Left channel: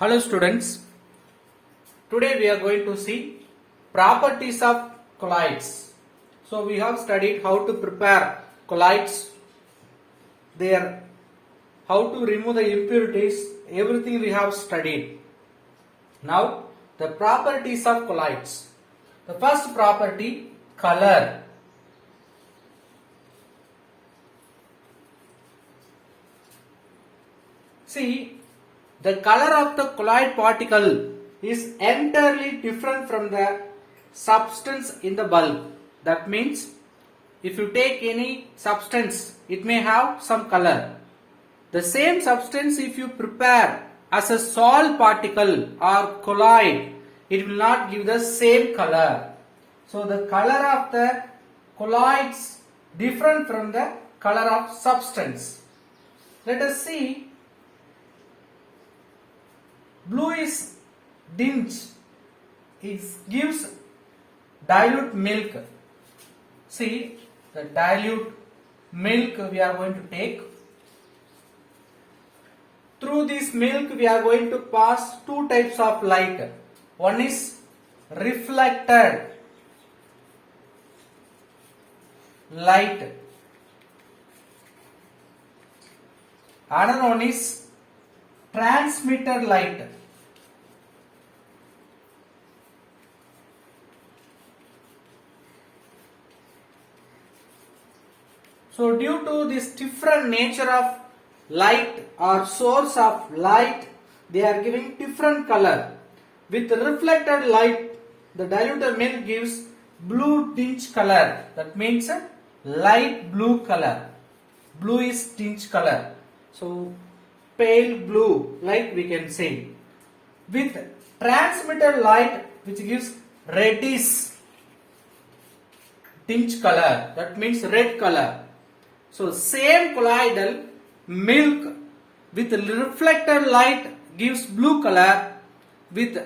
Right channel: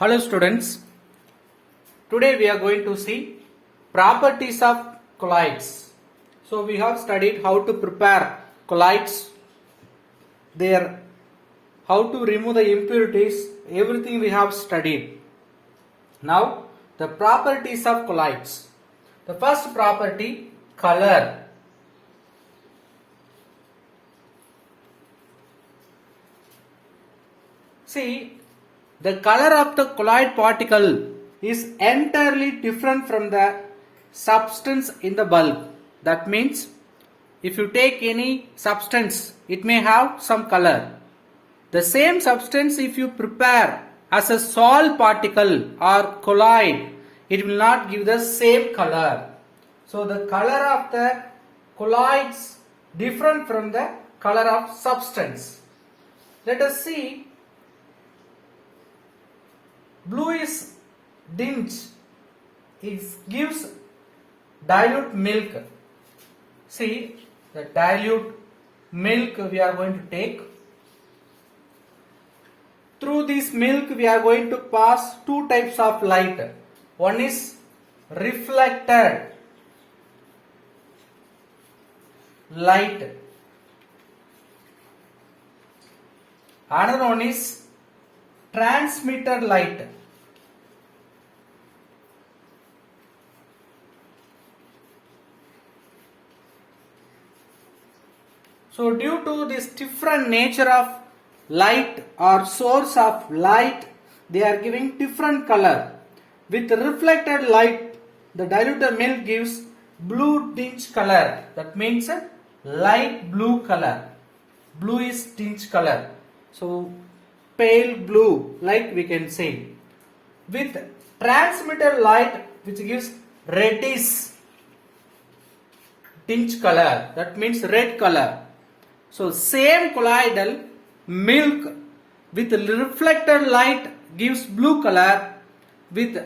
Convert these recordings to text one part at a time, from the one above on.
Hello students, today we are going to see properties of colloids. So we have studied how to prepare colloids, how to remove the impurities, everything we have studied. Now the properties of colloids. The first property, color. See, the color of the colloid particle is entirely different from the substance in the bulk. That means if you take any substance, it may have some color. The same substance, if you prepare as a salt particle or colloid, it will not give the same color. So the color of the colloids different from the color of substance. Let us see. Blue is dinch. It gives dilute milk. See, the dilute milk we are going to take. Through this milk we are going to pass two types of light. One is reflected light. Another one is transmitted light. So due to this different nature of light or source of light, they are giving different color. With reflected light, the diluted milk gives blue tinge color. That means a light blue color. Blue is tinge color. So pale blue, like we can say. With transmitted light, which gives reddish tinge color. That means red color. So same colloidal milk with reflected light gives blue color, with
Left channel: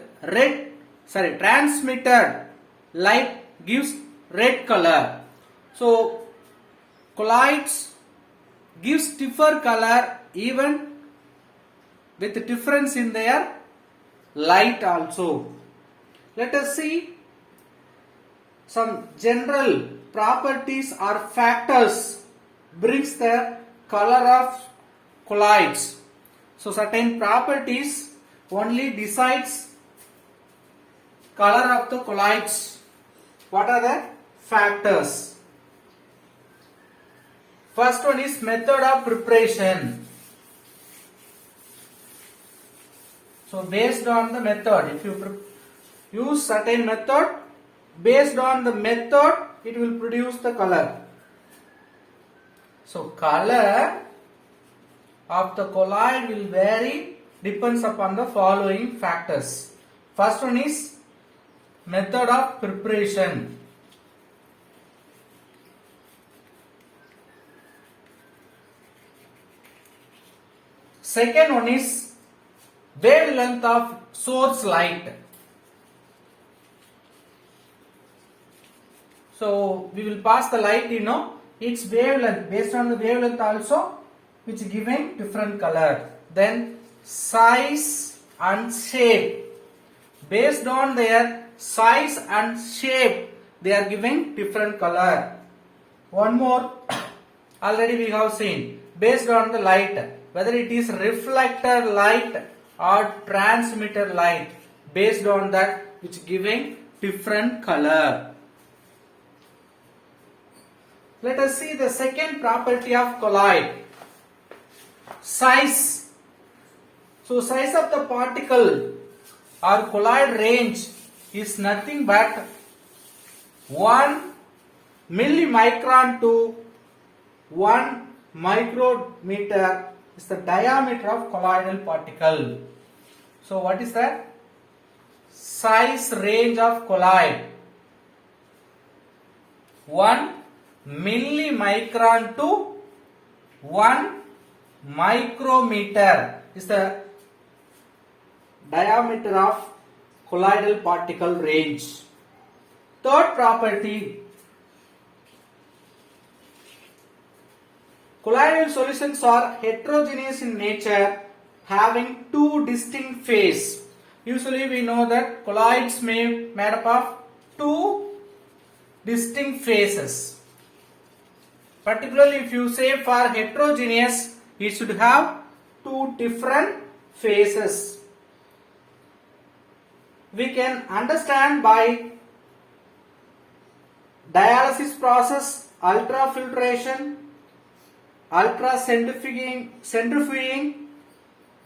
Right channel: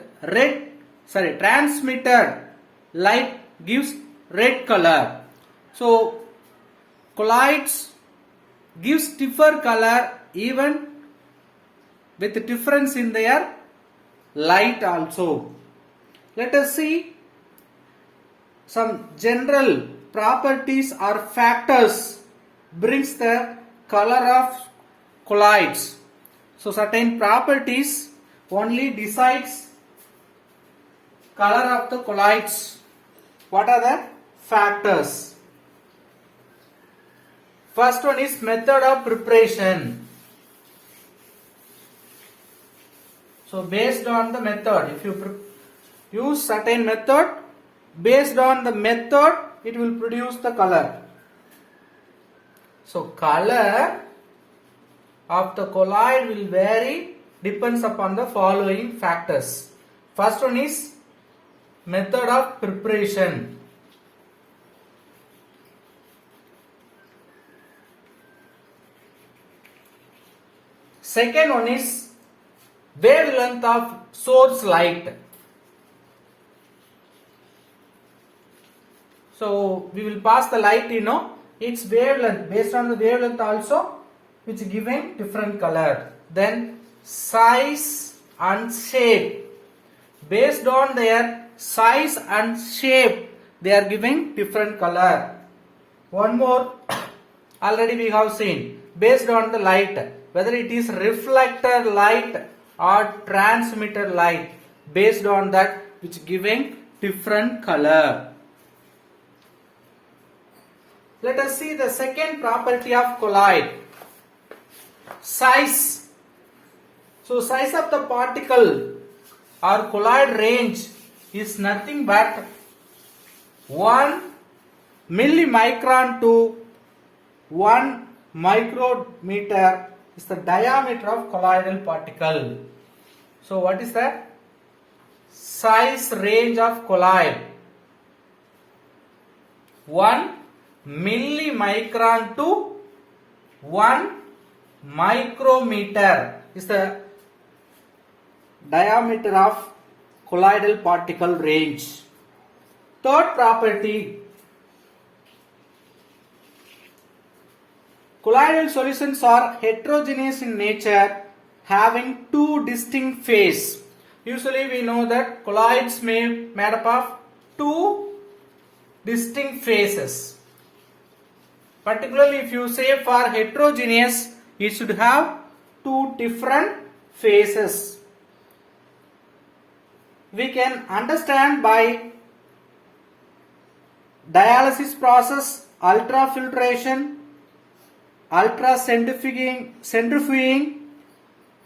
transmitted light gives red color. So colloids gives different color even with difference in their light also. Let us see some general properties or factors brings the color of colloids. So certain properties only decides color of the colloids. What are the factors? First one is method of preparation. So based on the method, if you use certain method, based on the method it will produce the color. So color of the colloid will vary, depends upon the following factors. First one is method of preparation. Second one is wavelength of source light. So we will pass the light, its wavelength, based on the wavelength also, which given different color. Then size and shape. Based on their size and shape, they are giving different color. One more, already we have seen, based on the light, whether it is reflected light or transmitted light, based on that which giving different color. Let us see the second property of colloid. Size. So size of the particle or colloid range is nothing but 1 millimicron to 1 micrometer is the diameter of colloidal particle. So what is the size range of colloid? 1 millimicron to 1 micrometer is the diameter of colloidal particle range. Third property, colloidal solutions are heterogeneous in nature having two distinct phases. Usually we know that colloids made up of two distinct phases. Particularly if you say for heterogeneous, it should have two different phases. We can understand by dialysis process, ultrafiltration, ultracentrifuging,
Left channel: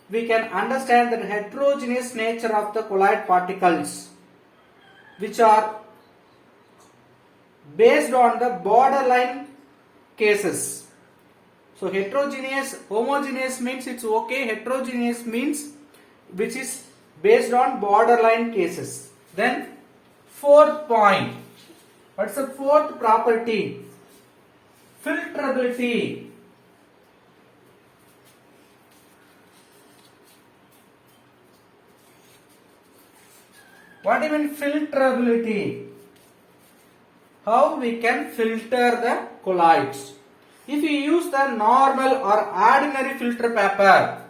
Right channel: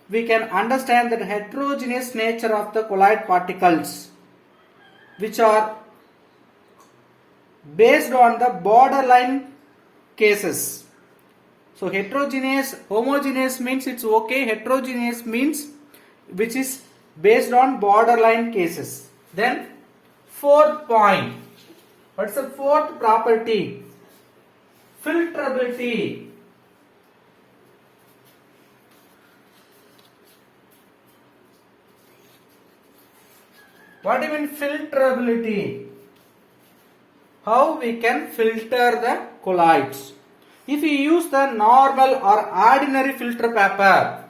we can understand the heterogeneous nature of the colloid particles, which are based on the borderline cases. So heterogeneous, homogeneous means it's okay, heterogeneous means which is based on borderline cases. Then fourth point, what's the fourth property? Filtrability. What do you mean filtrability? How we can filter the colloids? If you use the normal or ordinary filter paper,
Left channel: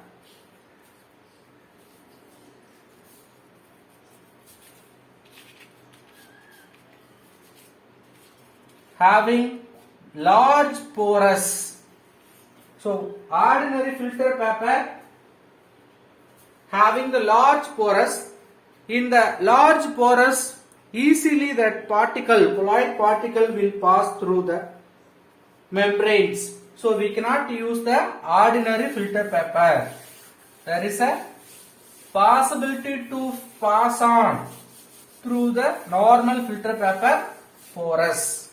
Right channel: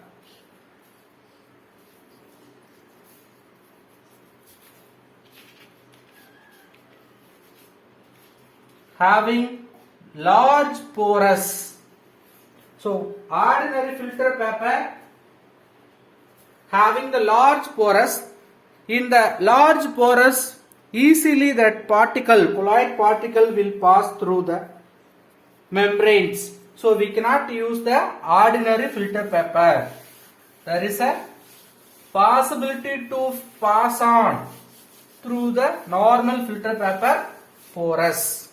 having large porous, so ordinary filter paper having the large porous, in the large porous easily that particle, colloid particle will pass through the membranes. So we cannot use the ordinary filter paper. There is a possibility to pass on through the normal filter paper porous.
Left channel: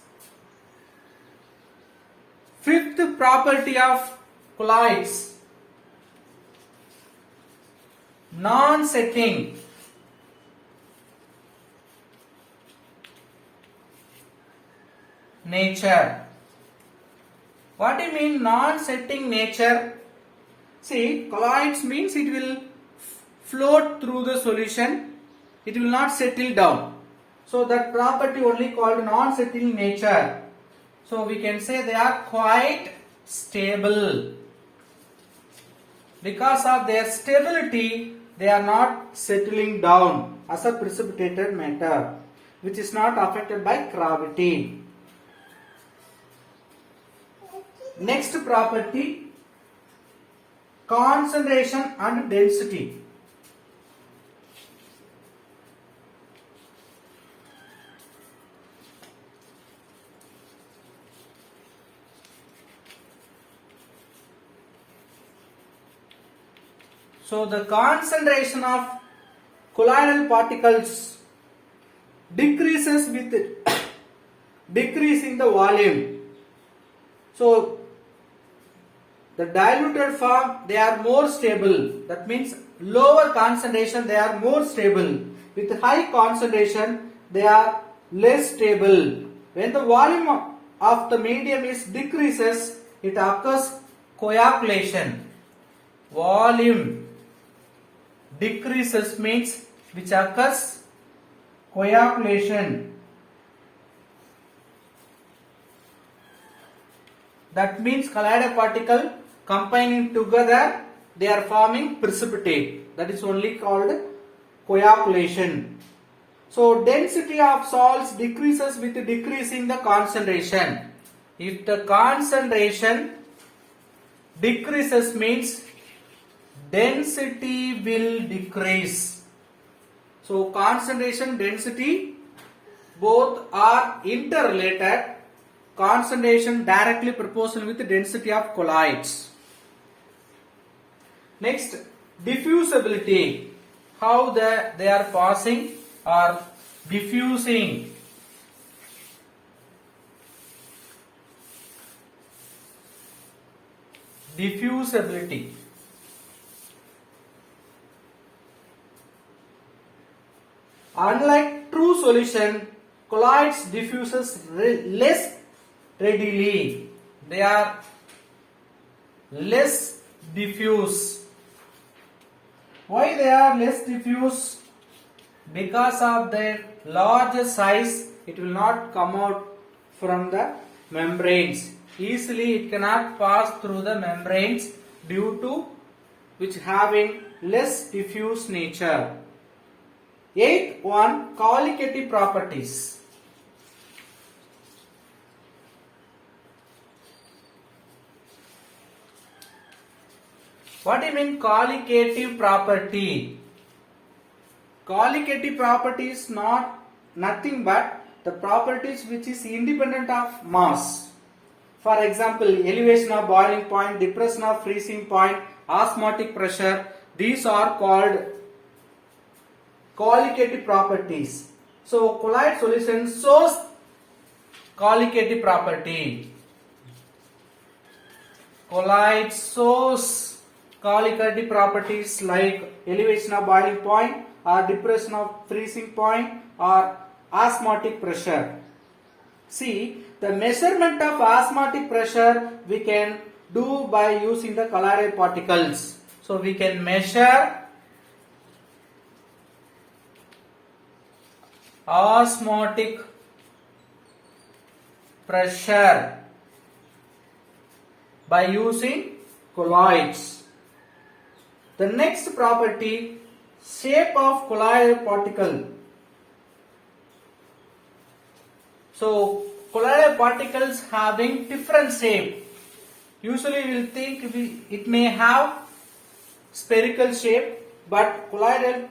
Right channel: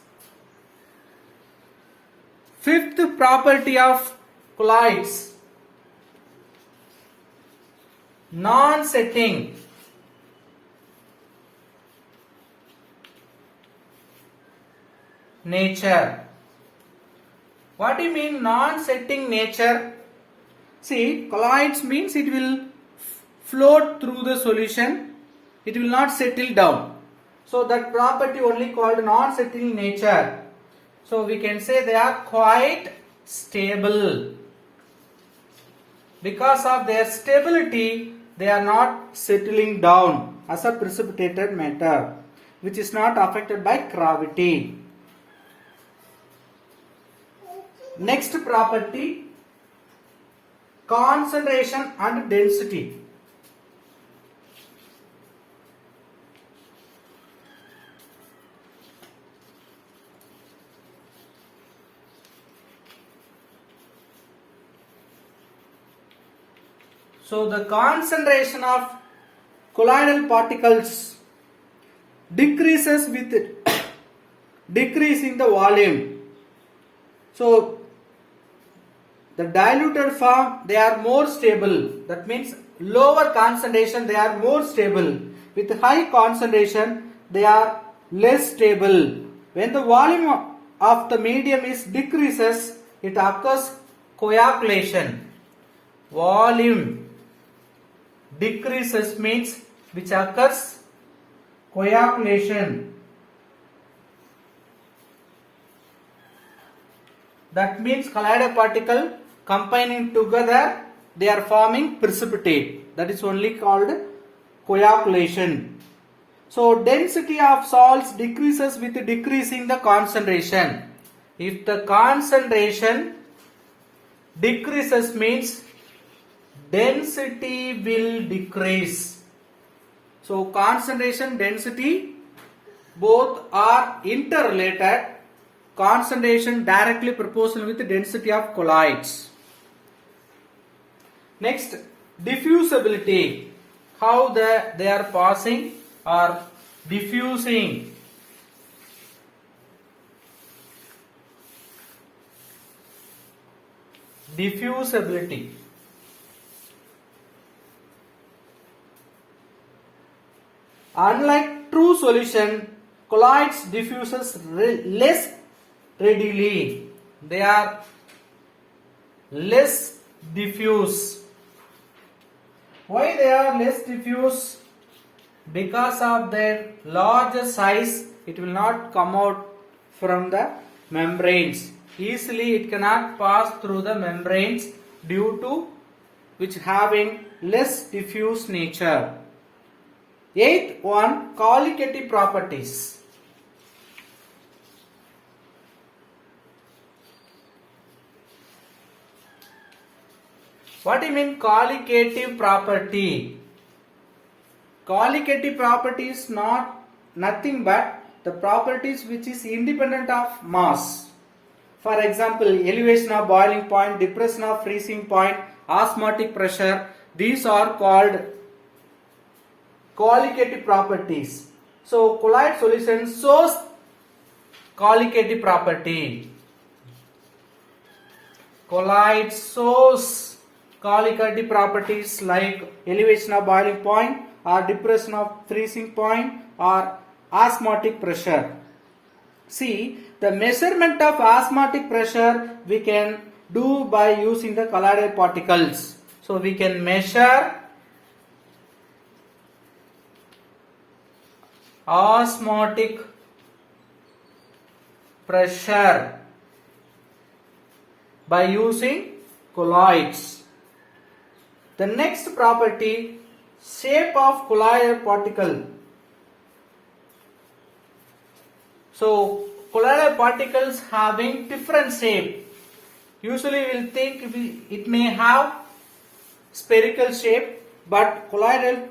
Fifth property of colloids, non-setting. Nature. What do you mean non-setting nature? See, colloids means it will float through the solution, it will not settle down. So that property only called non-setting nature. So we can say they are quite stable. Because of their stability, they are not settling down as a precipitated matter, which is not affected by gravity. Next property, concentration and density. So the concentration of colloidal particles decreases with decreasing the volume. So the diluted form, they are more stable. That means lower concentration, they are more stable. With high concentration, they are less stable. When the volume of the medium is decreases, it occurs coagulation. Volume decreases means which occurs coagulation. That means colloidal particle combining together, they are forming precipitate. That is only called coagulation. So density of salts decreases with decreasing the concentration. If the concentration decreases means density will decrease. So concentration, density both are interrelated. Concentration directly proportional with the density of colloids. Next, diffusibility. How they are passing or diffusing. Diffusibility. Unlike true solution, colloids diffuses less readily. They are less diffuse. Why they are less diffuse? Because of their larger size, it will not come out from the membranes. Easily it cannot pass through the membranes due to which having less diffuse nature. Eighth one, colligative properties. What do you mean colligative property? Colligative property is nothing but the properties which is independent of mass. For example, elevation of boiling point, depression of freezing point, osmotic pressure, these are called colligative properties. So colloid solution shows colligative property. Colloid shows colligative properties like elevation of boiling point or depression of freezing point or osmotic pressure. See, the measurement of osmotic pressure we can do by using the colloidal particles. So we can measure osmotic pressure by using colloids. The next property, shape of colloidal particle. So colloidal particles having different shape. Usually we will think it may have spherical shape, but colloidal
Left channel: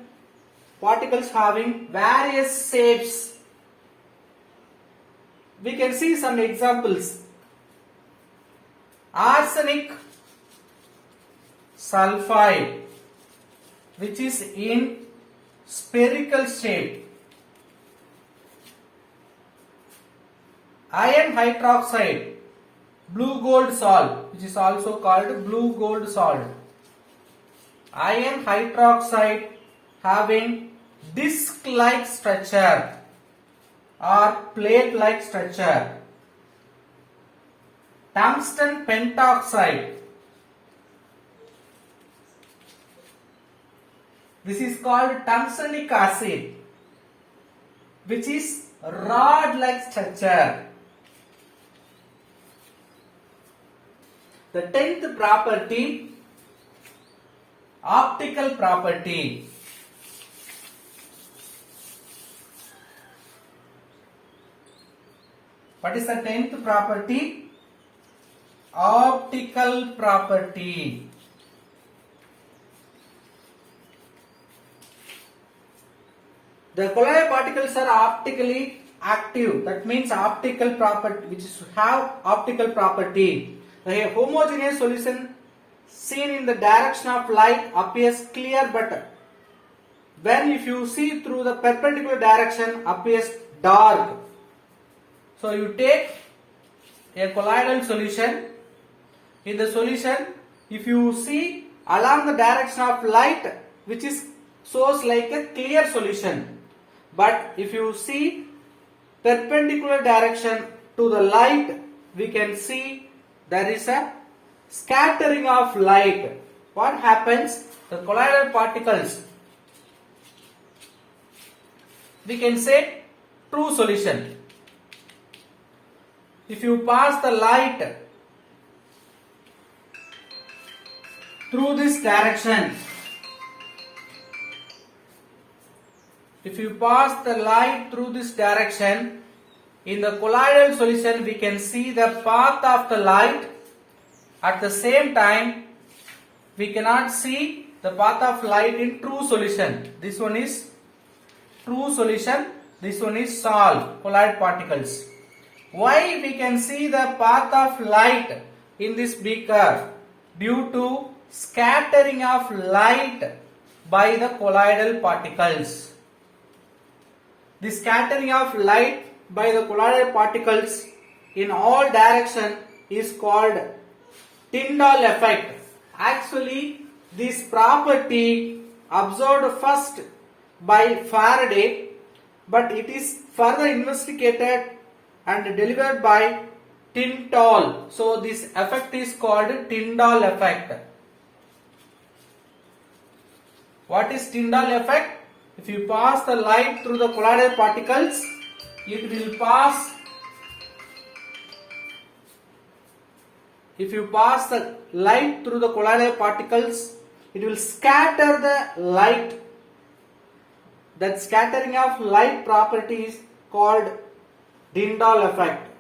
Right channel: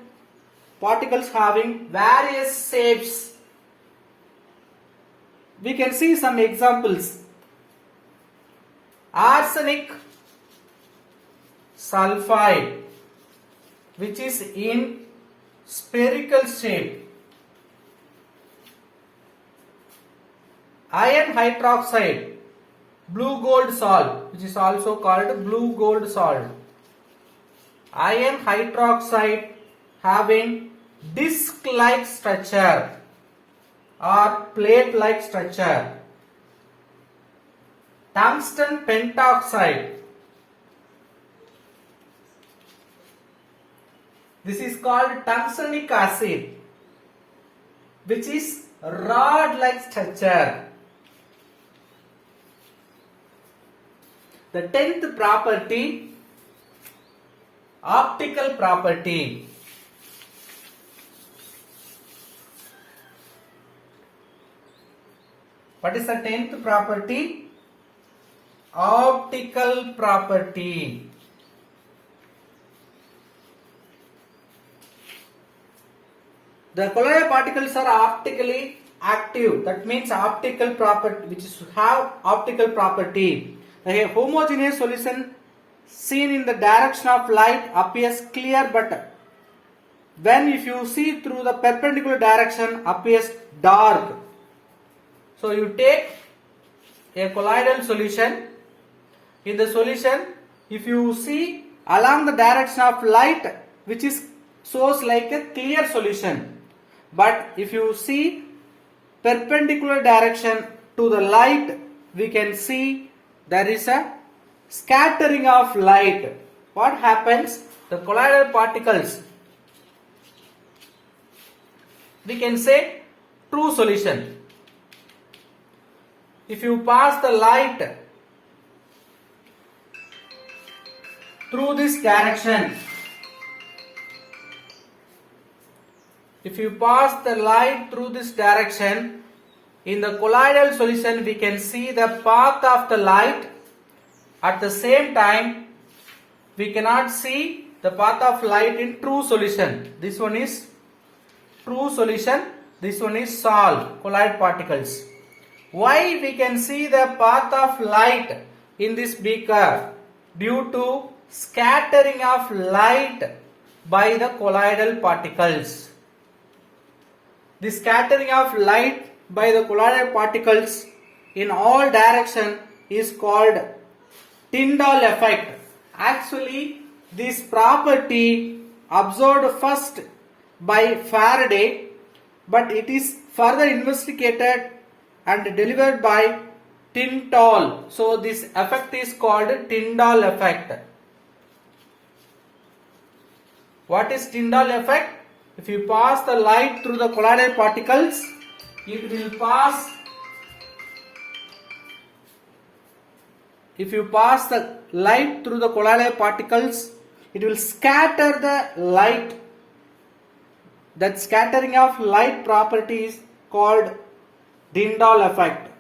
particles having various shapes. We can see some examples. Arsenic sulfide, which is in spherical shape. Iron hydroxide, blue gold salt, which is also called blue gold salt. Iron hydroxide having disc-like structure or plate-like structure. Tungsten pentoxide. This is called tungstic acid, which is rod-like structure. The 10th property, optical property. What is the 10th property? Optical property. The colloidal particles are optically active. That means optical property, which is have optical property. The homogeneous solution seen in the direction of light appears clear, but when if you see through the perpendicular direction appears dark. So you take a colloidal solution. In the solution, if you see along the direction of light, which is shows like a clear solution, but if you see perpendicular direction to the light, we can see there is a scattering of light. What happens? The colloidal particles, we can say true solution. If you pass the light through this direction, if you pass the light through this direction, in the colloidal solution we can see the path of the light. At the same time, we cannot see the path of light in true solution. This one is true solution, this one is salt, colloid particles. Why we can see the path of light in this beaker? Due to scattering of light by the colloidal particles. The scattering of light by the colloidal particles in all direction is called Tyndall effect. Actually, this property observed first by Faraday, but it is further investigated and delivered by Tyndall. So this effect is called Tyndall effect. What is Tyndall effect? If you pass the light through the colloidal particles, it will pass. If you pass the light through the colloidal particles, it will scatter the light. That scattering of light property is called Tyndall effect.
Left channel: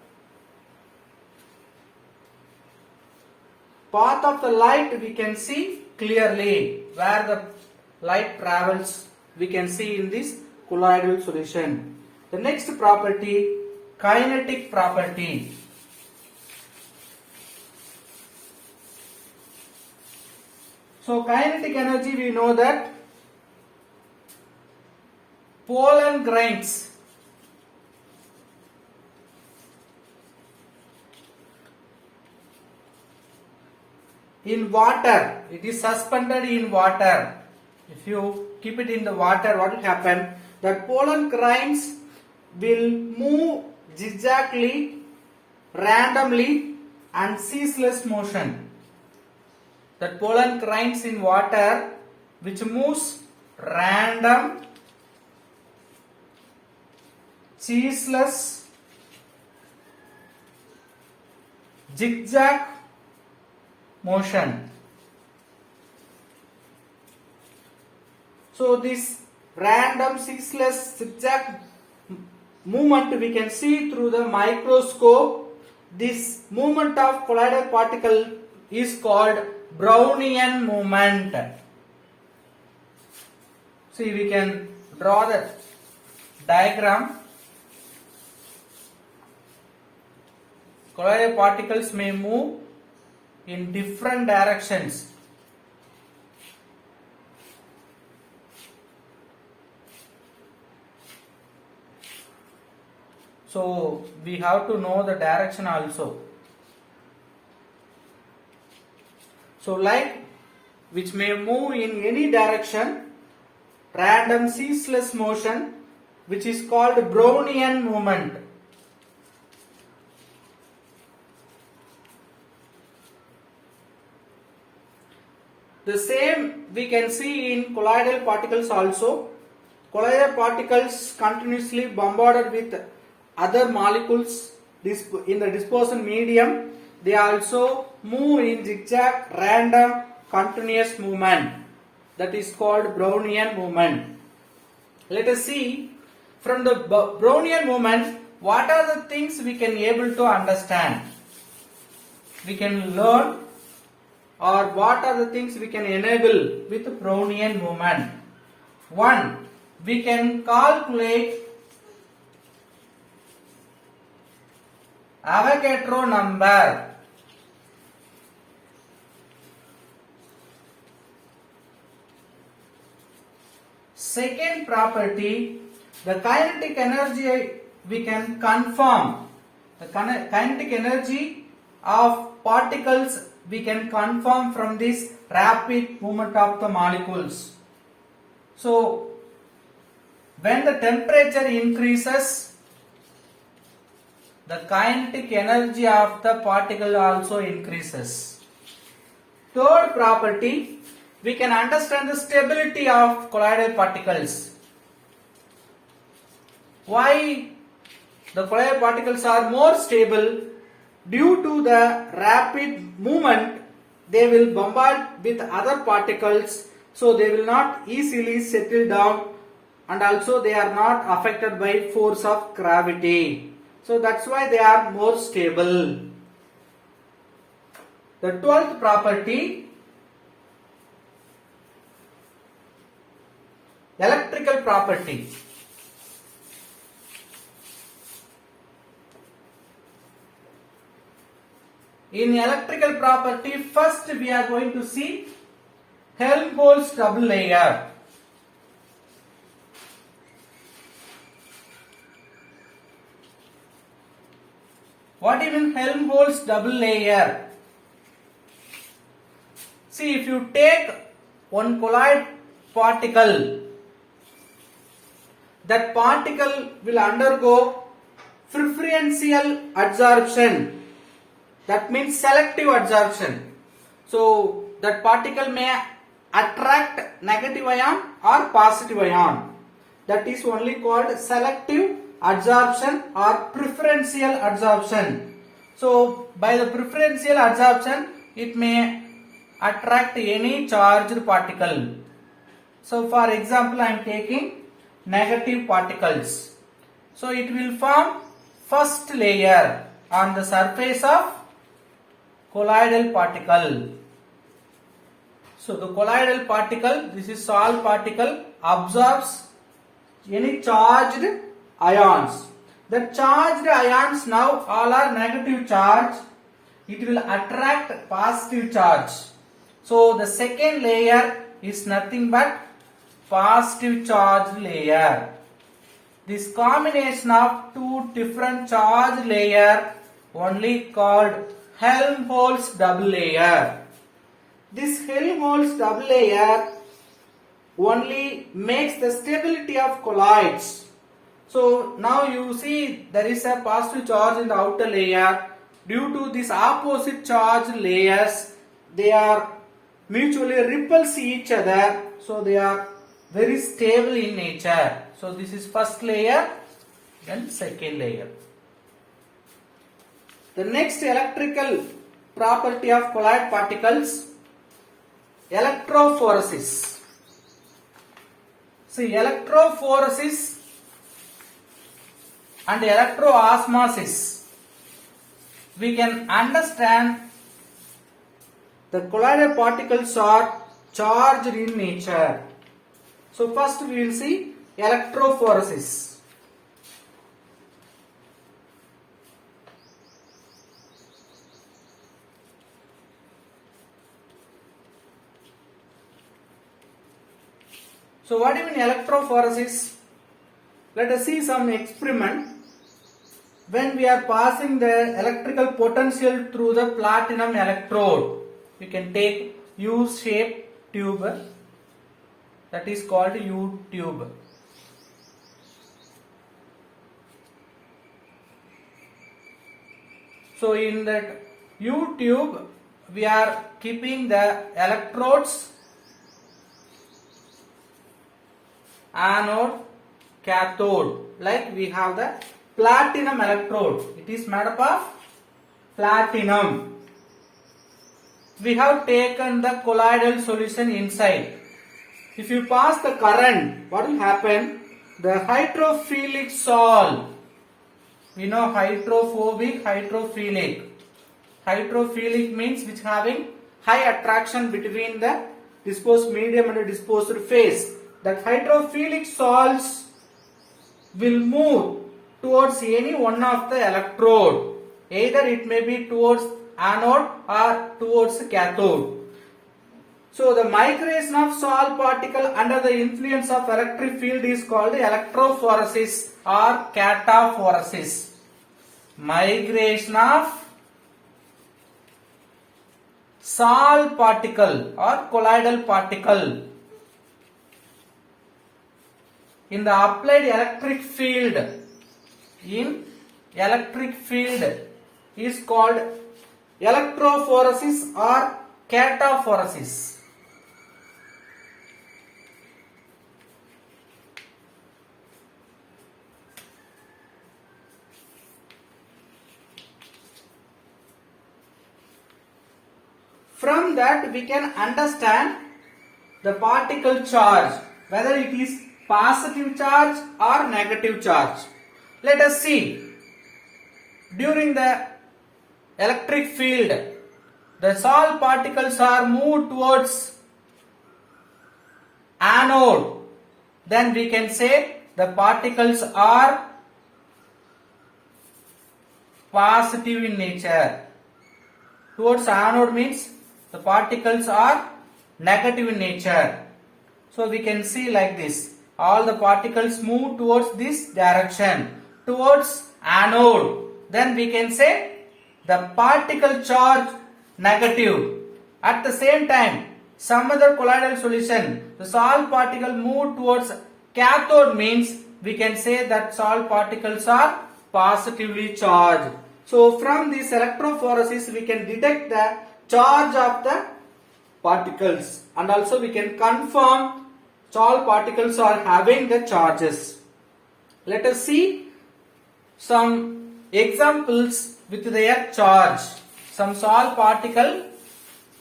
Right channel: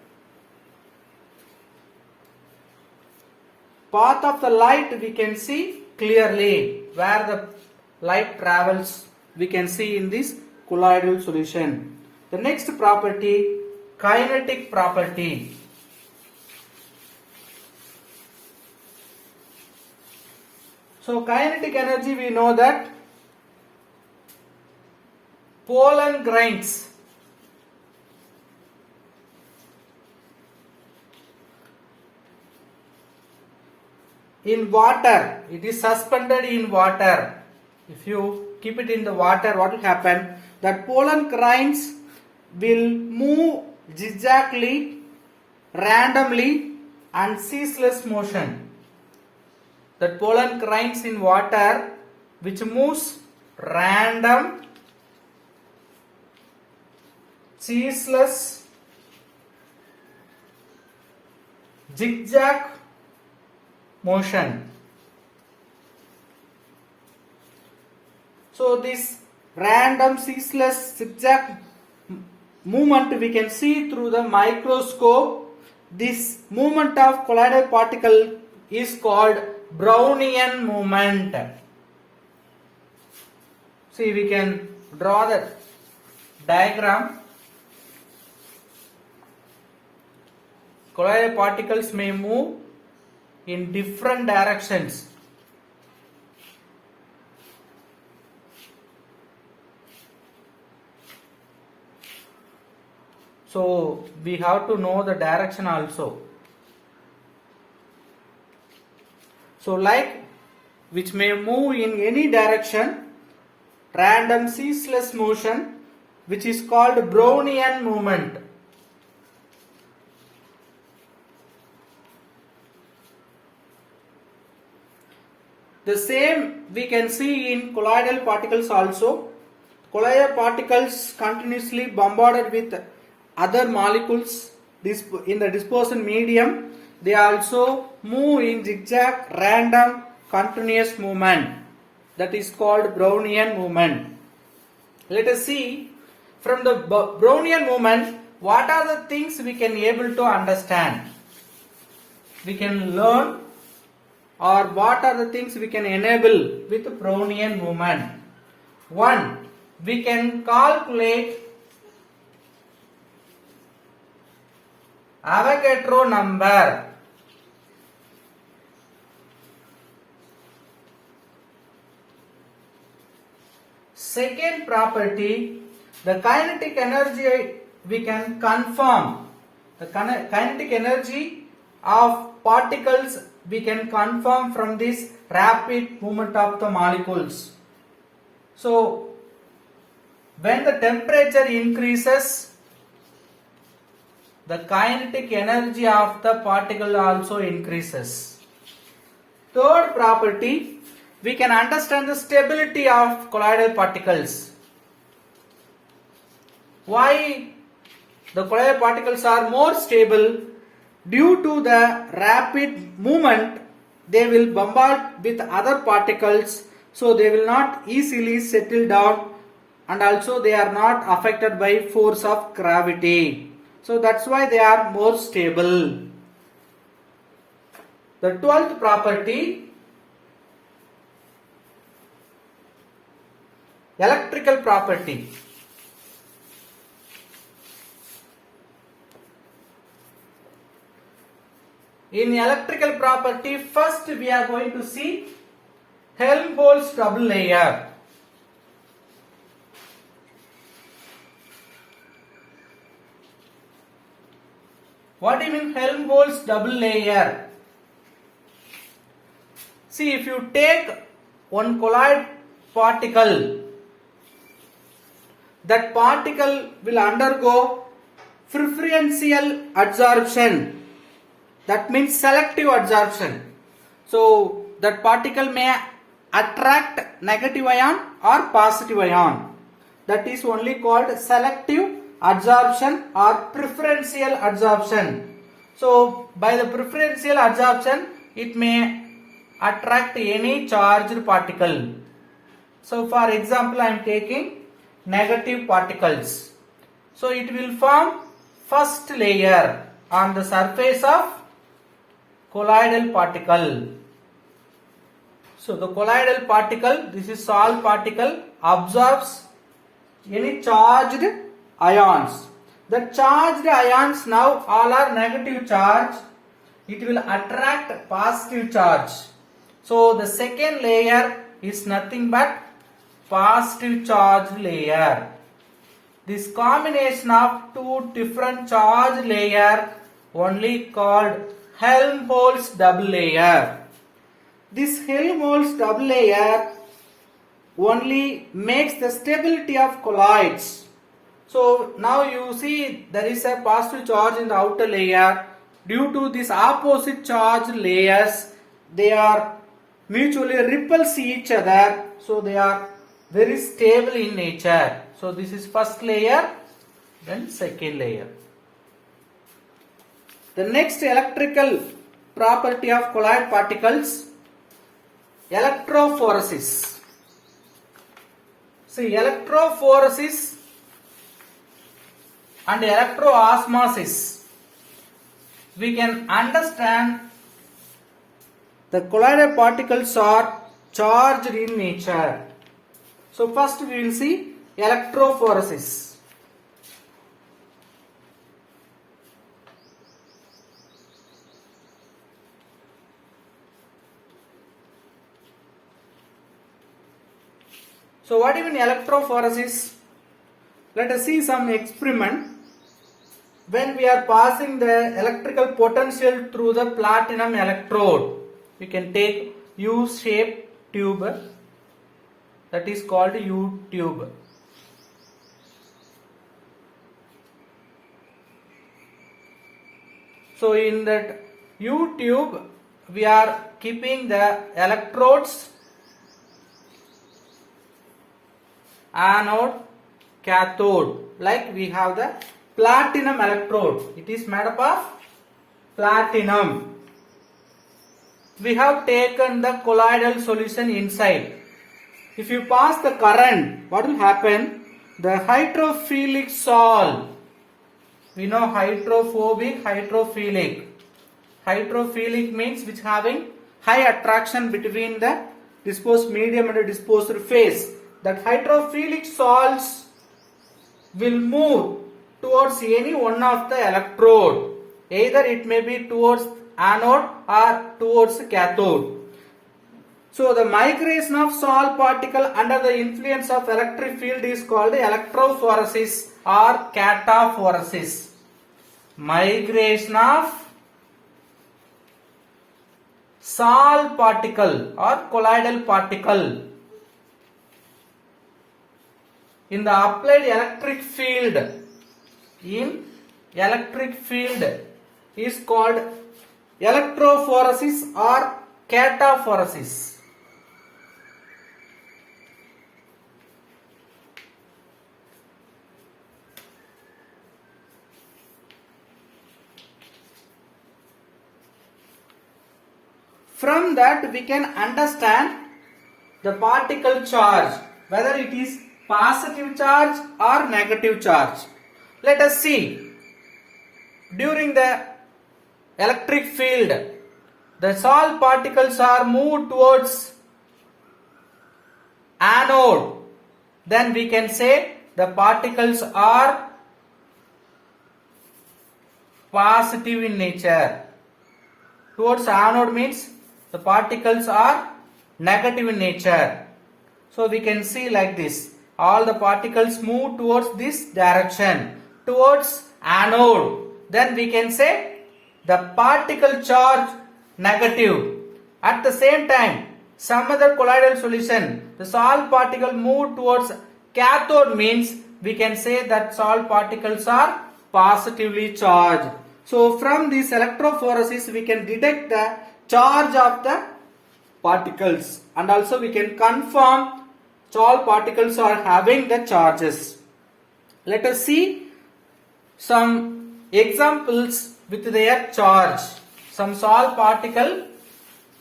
Path of the light we can see clearly. Where the light travels, we can see in this colloidal solution. The next property, kinetic property. So kinetic energy, we know that pollen grains in water, it is suspended in water. If you keep it in the water, what will happen? That pollen grains will move zigzagly, randomly and ceaseless motion. That pollen grains in water which moves random, ceaseless, zigzag motion. So this random ceaseless zigzag movement we can see through the microscope. This movement of colloidal particle is called Brownian movement. See, we can draw the diagram. Colloidal particles may move in different directions. So we have to know the direction also. So light which may move in any direction, random ceaseless motion, which is called Brownian movement. The same we can see in colloidal particles also. Colloidal particles continuously bombarded with other molecules in the dispersion medium. They also move in zigzag, random, continuous movement. That is called Brownian movement. Let us see from the Brownian movement what are the things we can able to understand. We can learn, or what are the things we can enable with Brownian movement. 1. We can calculate Avogadro number. Second property, the kinetic energy we can confirm. The kinetic energy of particles we can confirm from this rapid movement of the molecules. So, when the temperature increases, the kinetic energy of the particle also increases. Third property, we can understand the stability of colloidal particles. Why the colloidal particles are more stable? Due to the rapid movement, they will bombard with other particles, so they will not easily settle down, and also they are not affected by force of gravity. So that's why they are more stable. The 12th property, electrical property. In electrical property, first we are going to see Helmholtz double layer. What do you mean Helmholtz double layer? See, if you take one colloid particle, that particle will undergo preferential adsorption. That means selective adsorption. So that particle may attract negative ion or positive ion. That is only called selective adsorption or preferential adsorption. So by the preferential adsorption, it may attract any charged particle. So for example, I am taking negative particles. So it will form first layer on the surface of colloidal particle. So the colloidal particle, this is solid particle, absorbs any charged ions. The charged ions now all are negative charge. It will attract positive charge. So the second layer is nothing but positive charge layer. This combination of two different charge layer only called Helmholtz double layer. This Helmholtz double layer only makes the stability of colloids. So now you see there is a positive charge in the outer layer. Due to this opposite charge layers, they are mutually repulse each other. So they are very stable in nature. So this is first layer, then second layer. The next electrical property of colloid particles, electrophoresis. See, electrophoresis and electroosmosis, we can understand the colloidal particles are charged in nature. So first we will see electrophoresis. So what do you mean electrophoresis? Let us see some experiment. When we are passing the electrical potential through the platinum electrode, we can take U-shaped tube, that is called U-tube. So in that U-tube, we are keeping the electrodes, anode, cathode. Like we have the platinum electrode. It is made up of platinum. We have taken the colloidal solution inside. If you pass the current, what will happen? The hydrophilic salt. We know hydrophobic, hydrophilic. Hydrophilic means which having high attraction between the disposed medium and the disposed phase. That hydrophilic salts will move towards any one of the electrode. Either it may be towards anode or towards cathode. So the migration of salt particle under the influence of electric field is called electrophoresis or cataphoresis. Migration of salt particle or colloidal particle in the applied electric field is called electrophoresis or cataphoresis. From that we can understand the particle charge, whether it is positive charge or negative charge. Let us see. During the electric field, the salt particles are moved towards anode. Then we can say the particles are positive in nature. Towards anode means the particles are negative in nature. So we can see like this. All the particles move towards this direction, towards anode. Then we can say the particle charge negative. At the same time, some other colloidal solution, the salt particle move towards cathode means we can say that salt particles are positively charged. So from this electrophoresis we can detect the charge of the particles, and also we can confirm salt particles are having the charges. Let us see some examples with their charge. Some salt particle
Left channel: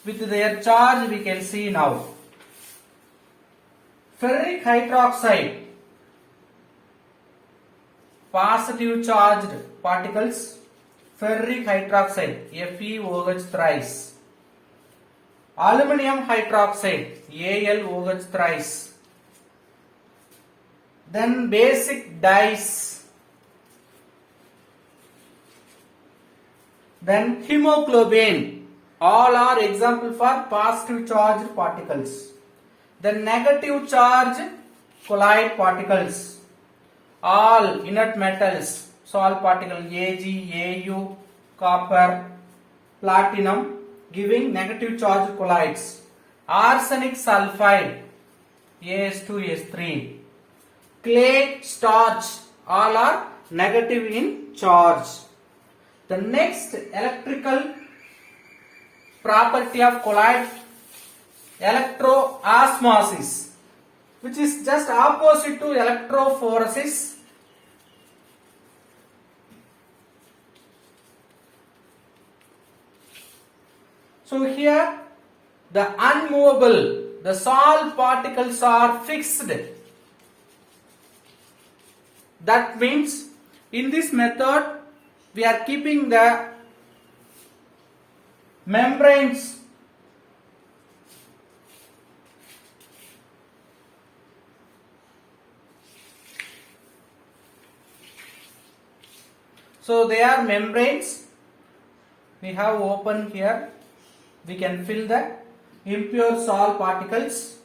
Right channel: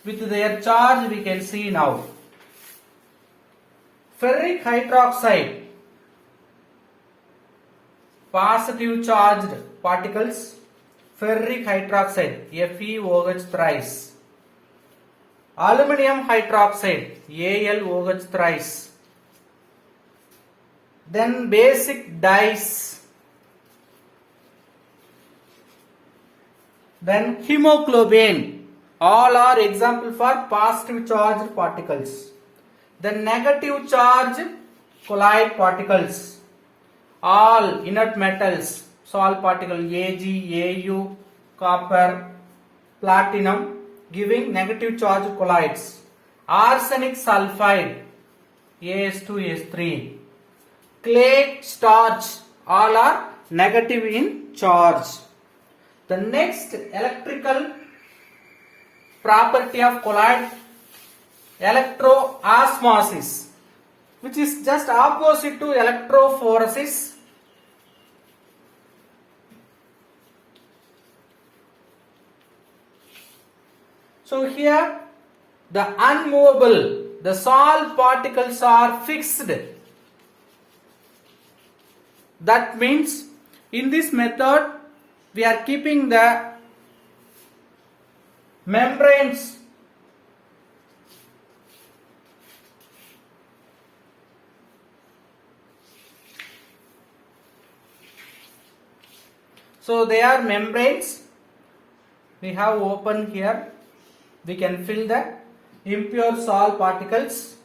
with their charge we can see now. Ferric hydroxide, positive charged particles, ferric hydroxide, FeOH thrice. Aluminium hydroxide, AlOH thrice. Then basic dyes. Then hemoglobin. All are example for positive charged particles. The negative charged colloid particles. All inert metals. Salt particle Ag, Au, copper, platinum giving negative charged colloids. Arsenic sulfide, As2S3. Clay, starch, all are negative in charge. The next electrical property of colloid, electroosmosis, which is just opposite to electrophoresis. So here the unmovable, the salt particles are fixed. That means in this method we are keeping the membranes so they are membranes we have open here. We can fill the impure salt particles.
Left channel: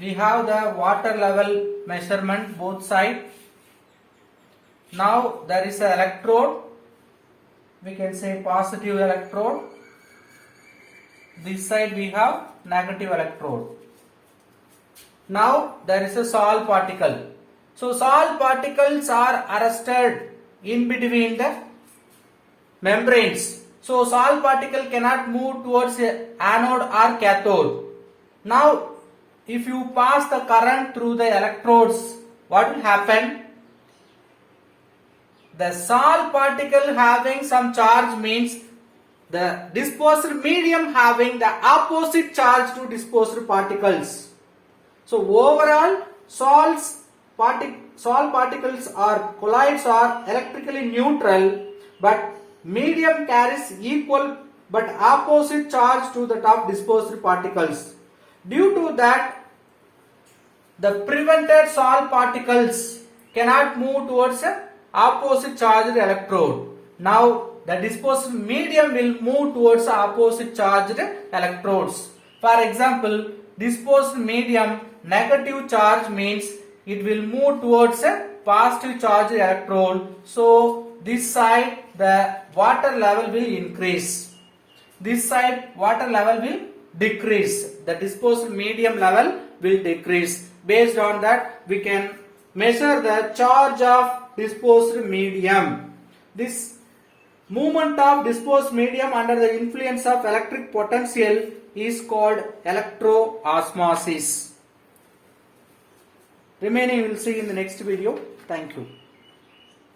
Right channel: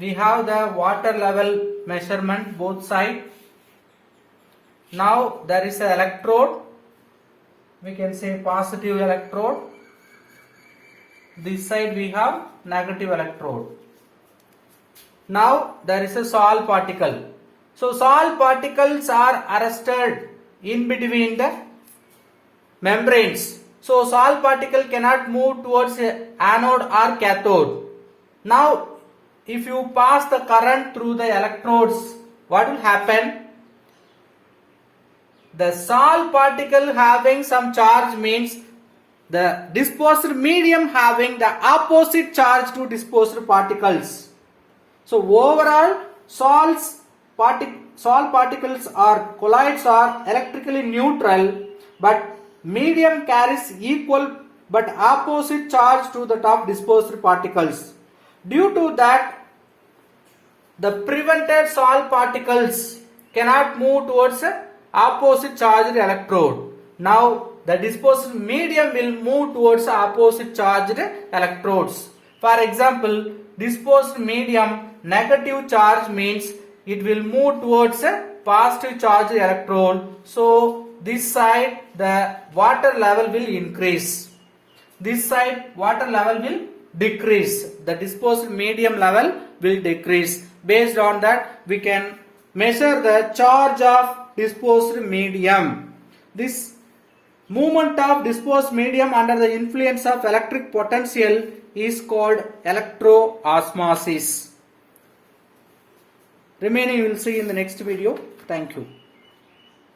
We have the water level measurement both sides. Now there is an electrode. We can say positive electrode. This side we have negative electrode. Now there is a salt particle. So salt particles are arrested in between the membranes. So salt particle cannot move towards a anode or cathode. Now if you pass the current through the electrodes, what will happen? The salt particle having some charge means the disposed medium having the opposite charge to disposed particles. So overall salt particles or colloids are electrically neutral, but medium carries equal but opposite charge to the top disposed particles. Due to that, the prevented salt particles cannot move towards a opposite charged electrode. Now the disposed medium will move towards opposite charged electrodes. For example, disposed medium negative charge means it will move towards a positive charged electrode. So this side the water level will increase. This side water level will decrease. The disposed medium level will decrease. Based on that we can measure the charge of disposed medium. This movement of disposed medium under the influence of electric potential is called electroosmosis. Remaining we will see in the next video. Thank you.